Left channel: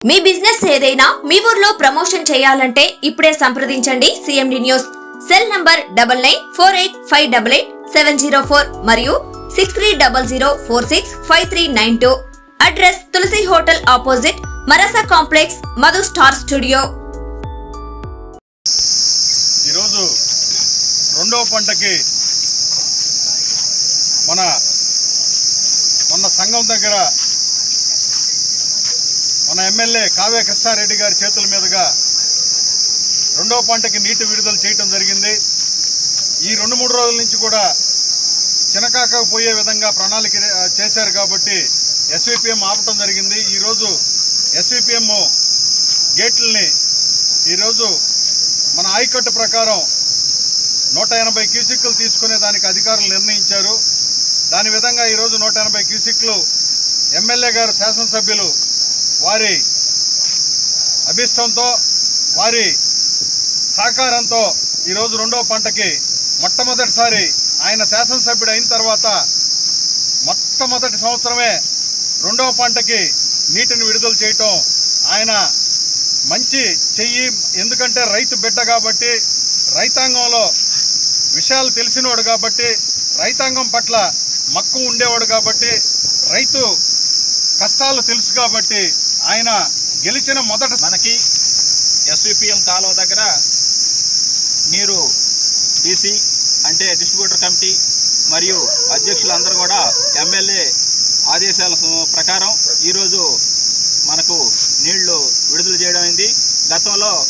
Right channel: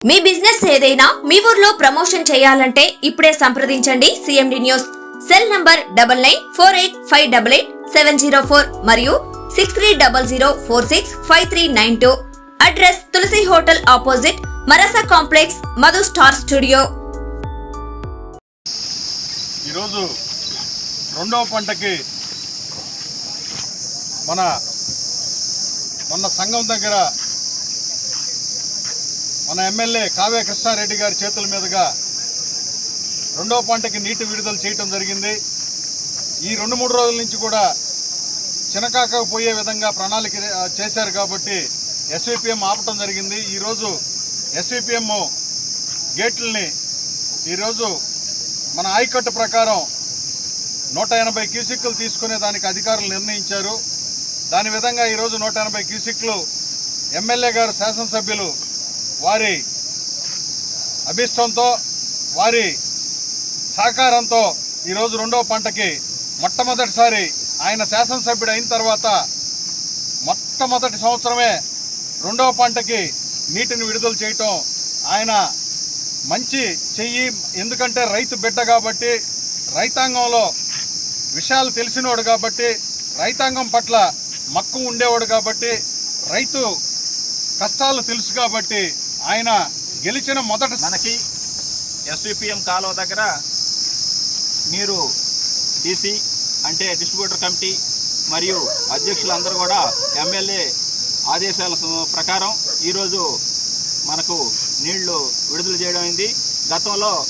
మీ business ఏదైనా మీ ఊర్లో promotion చేయాలంటే ఇప్పుడే సంప్రదించండి CMD news cell number double nine four eight five double eight seven zero four మరియు six three double zero four six five three nine two. Address Tulasi hotel opposite మరసా complex Madhu star studio. ఈరోజు రెండవ పంటకి మన మొన్న సంఘం దగ్గర మన MLA Kavya Krishna Reddy గారి చేతుల మీదుగా రెండవ పంటకి నీటి విడుదల చేయటం జరిగింది. ఈ రెండు మూడు రోజుల నుంచి కూడా చినకాక పోయే విధంగా ప్రణాళిక చేశారు కాబట్టి ఎస్విపిఎం ఆపటం జరిగింది. ఈరోజు ఎస్విపిఎం గేట్లని ఈరోజు మన ఆయకట్టు ప్రకారం నూట ఎనభై క్యూసిక్లు తీసుకునే దానికి అధికారులు నిర్ణయించారు. దాని విధంగా ఈరోజు నూట ఎనభై క్యూసిక్లు ఎమ్మెల్యే గారు శాసనసభ్యులు వారి అభిష్టంతో వారి సహకారంతో ఈరోజు రెండో పంటకి మొట్టమొదటిసారి ఆయన శాసనసభ్యుడు అయిన తర్వాత మొట్టమొదటి సంవత్సరమే రెండవ పంటకి నీటిని విడుదల చేయటం ఆయన మంచి చెయ్యి. ఎందుకంటే రైతు బిడ్డ కాబట్టి రైతాంగంలో విషయాలు తెలిసినవాడు కాబట్టి రైతాంగం పట్ల మక్కువ ఉండేవాడు కాబట్టి రైతు కష్టాలు తెలుసు కాబట్టి ఆయన గెలిచిన మొదట మనకి ఎస్విపిఎం కాలువ దగ్గర నీరు డీసీ అంటే డిస్ట్రిబ్యూటర్ కమిటీ మరియు అధ్యక్షులందరూ కూడా ఎమ్మెల్యే ఆదేశాల ప్రకారం ఈరోజు మనకు నీళ్ళు విడుదల చేయడం అయింది. గతంలో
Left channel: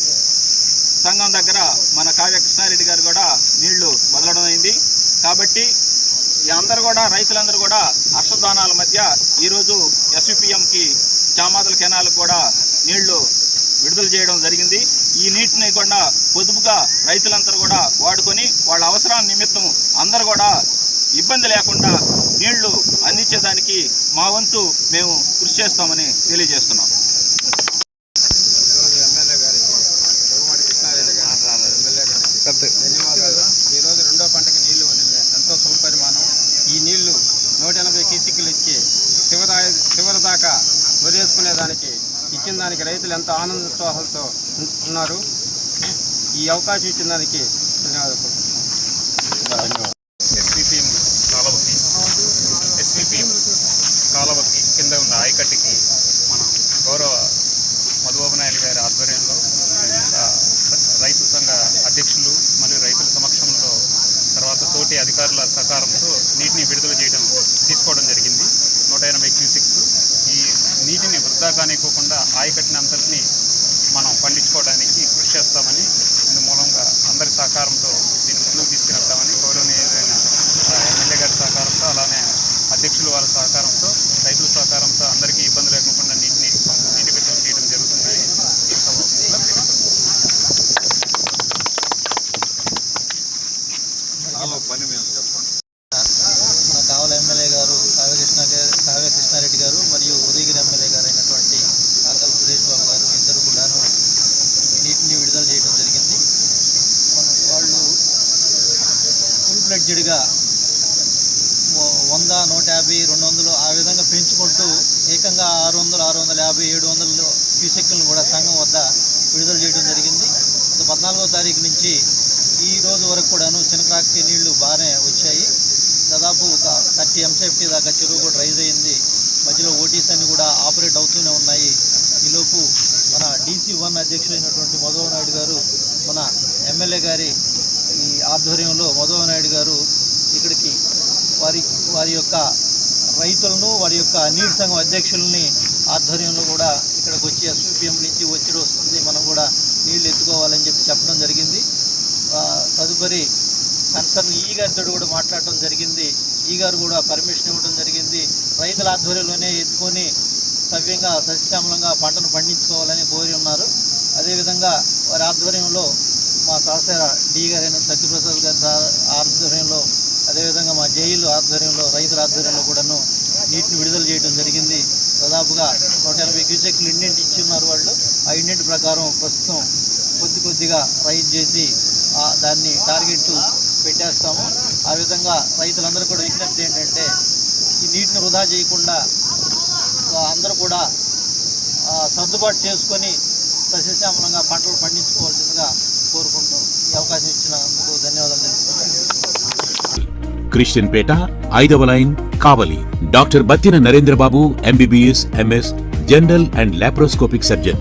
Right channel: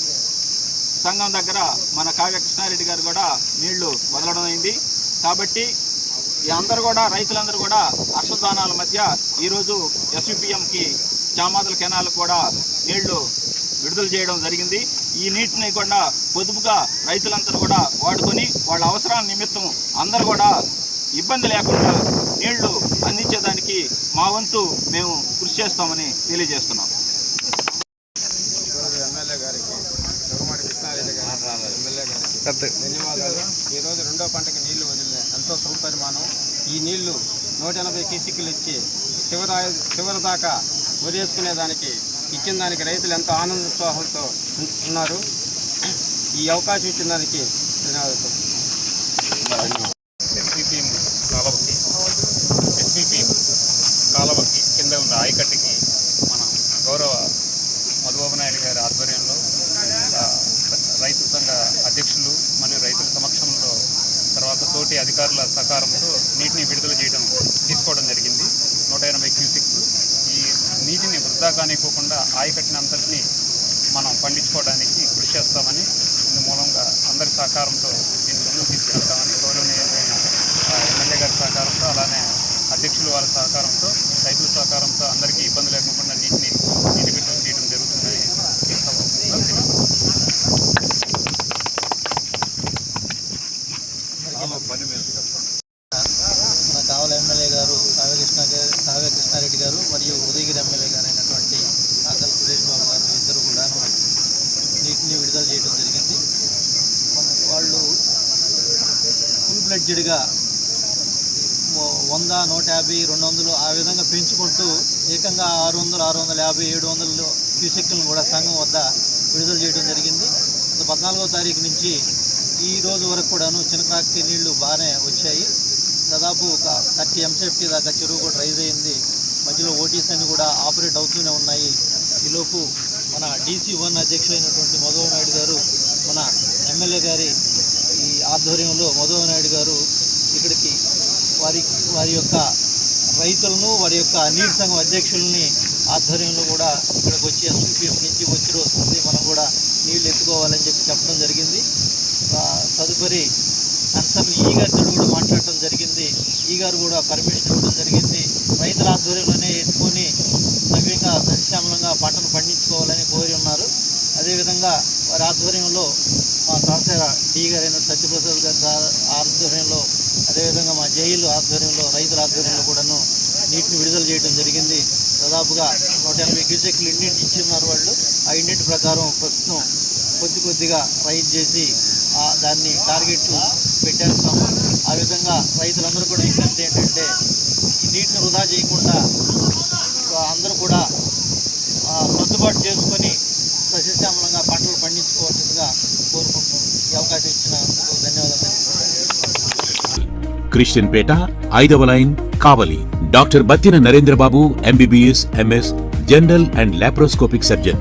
సంఘం దగ్గర మన కావ్య కృష్ణారెడ్డి గారు కూడా నీళ్ళు వదలడం అయింది. కాబట్టి ఈ అందరూ కూడా రైతులందరూ కూడా హర్షదానాల మధ్య ఈరోజు ఎస్విపిఎంకి చామాదుల కెనాలకు కూడా నీళ్ళు విడుదల చేయడం జరిగింది. ఈ నీటిని కూడా పొదుపుగా రైతులందరూ కూడా వాడుకొని వాళ్ళ అవసరాల నిమిత్తం అందరూ కూడా ఇబ్బంది లేకుండా నీళ్ళు అందించేదానికి మా వంతు మేము కృషి చేస్తామని తెలియజేస్తున్నాం. ధన్యవాదాలు. ఈరోజు రెండో పంటకి నీళ్ళు వదిలిన ఎంతో సుపరిమాణం. ఈ నీళ్ళు నూట ఎనభై కీసిక్కులు ఇచ్చి చివరి చివరి దాకా వదిలేసుకునే దానికి ఇచ్చిన దానికి రైతులు ఎంతో ఆనందోత్సాహాలతో ఉన్- ఉన్నారు. ఈ అవకాశం ఇచ్చిన దానికి ధన్యవాదాలు. ఎస్విపిఎం కాలువకి ఎస్విపిఎం కాలువకి కింద ఉన్న ఆయకట్టుకి మన గౌరవ మధుబాబు నాయుడు గారి ఆధ్వర్యంలో రైతు సంఘ అధ్యక్షులు మరియు రైతుల సమక్షంలో తర్వాత తోటి అధికారుల సహకారంతో నీటిని విడుదల చేయడం తీసుకోవడం జరిగింది. నూట ఎనభై క్యూసిక్స్ నీటిని వృధా కానివ్వకుండా ఆయకట్టినంతటిని మనం పండించుకోవడానికి కృషి చేస్తామని ఇందు మూలంగా అందరి సహకారంతో దీన్ని ముందుకు తీసుకెళ్తామని గౌరవనీయమైన ఎమ్మెల్యే గారి సహకారంతో అలానే అధ్యక్షులు వాళ్ళ సహకారంతో రైతుల సహకారంతో అందరికీ ఇబ్బంది లేకుండా నీటిని నీటి బిడ్డలు తీయడం జరుగుతుందని ఈ సభగా తెలియపడుతుంది పని ఎమ్మెల్యే గారు కావ్యకృష్ణ గారు కావ్య కృష్ణారెడ్డి గారు మరియు ఉదయగిరి ఎమ్మెల్యే గారు అయినటువంటి కాకల సురేష్ బాబు గారు ఇద్దరు కూడాను నీటిని విడుదల చేయడం జరిగింది. వాళ్ళు ఫుల్ బ్లడ్జెడ్గా వంద నూట యాభై రెండు వందలు ఆ విధంగా పెంచుకుంటూ ఏకంగా ఆరు వందలు ఆరు వందల యాభై ఏడు వందలు క్యూసెక్కులను కూడా సంఘం వద్ద విడుదల చేయడం జరిగింది. గత పద్నాలుగో తారీఖు నుంచి ఈ రోజు వరకు కూడాను చిన్నకాకి నీళ్ళు బాగానే వచ్చాయి. దాదాపు ఒక థర్టీ ఎంసెఫ్టీ దాకా చెరువు కూడా రైజ్ అయింది. మధ్యలో ఓటీస్ అన్ని కూడా ఆపరేట్ అవుతూనే ఉన్నాయి. ఈలోపు మన డీసీ వన్ అధ్యక్షులైనటువంటి మధువ నాయుడు గారు మన ఎమ్మెల్యే గారి ఈ ఆధ్వర్యంలో మధువ నాయుడు గారు ఇక్కడికి వారి వారి యొక్క రైతులను వారి యొక్క నీటి సంఘం అధ్యక్షుల్ని ఆధ్వర్యంలో కూడా ఇక్కడికి వచ్చి ఎస్యూపీఎం నుంచి వచ్చి వస్తుంది మనం కూడా నీళ్ళు ఎత్తుకోవాలని చెప్పి చెప్పడం జరిగింది. తదుపరి కన్సర్న్ ఈ గారితో కూడా మాట్లాడటం జరిగింది. ఈ గారు కూడా పర్మిషన్ ఇవ్వడం జరిగింది. రైతుల ఆధ్వర్యంలోనే ఎత్తుకొని సవ్యంగా సస్యశ్యామలంగా పంటను పండించుకోవాలని కోరి ఉన్నారు. అదేవిధంగా వారి ఆధ్వర్యంలో మా సహచర డి గారైన సత్యప్రసాద్ గారి ఆధ్వర్యంలో అదేవిధంగా మా జైలు ఆధ్వర్యంలో రైతుల ఆధ్వర్యంలో కూడాను నీటిని విడుదల చేయడం జరిగింది. దాదాపుగా నూట ఎనభై క్యూసెక్లు ఇండెంట్ ఇచ్చిన్నారు వాళ్ళు. ఆ ఇండెంట్ ప్రకారం ప్రస్తుతం కొద్ది కొద్దిగా రైతు చేసి దాన్ని టార్గెట్లు పెట్టేస్తాము. ఆ విధంగా రైతులందరూ కూడా విజ్ఞప్తి ఏంటంటే ఈ నీటిని వృధా చేయకుండా అందరూ కూడా సర్దుబాటు చేసుకొని సస్యశ్యామలంగా పంటలు పండించుకోవాల్సిందిగా కోరుకుంటూ ఈ అవకాశం ఇచ్చినందుకు ధన్యవాదాలు క్రిస్టియన్ పేట ఐదవ line Kavali. Doctor Battina Narendrababu MBBS MS general and laparoscopic surgeon.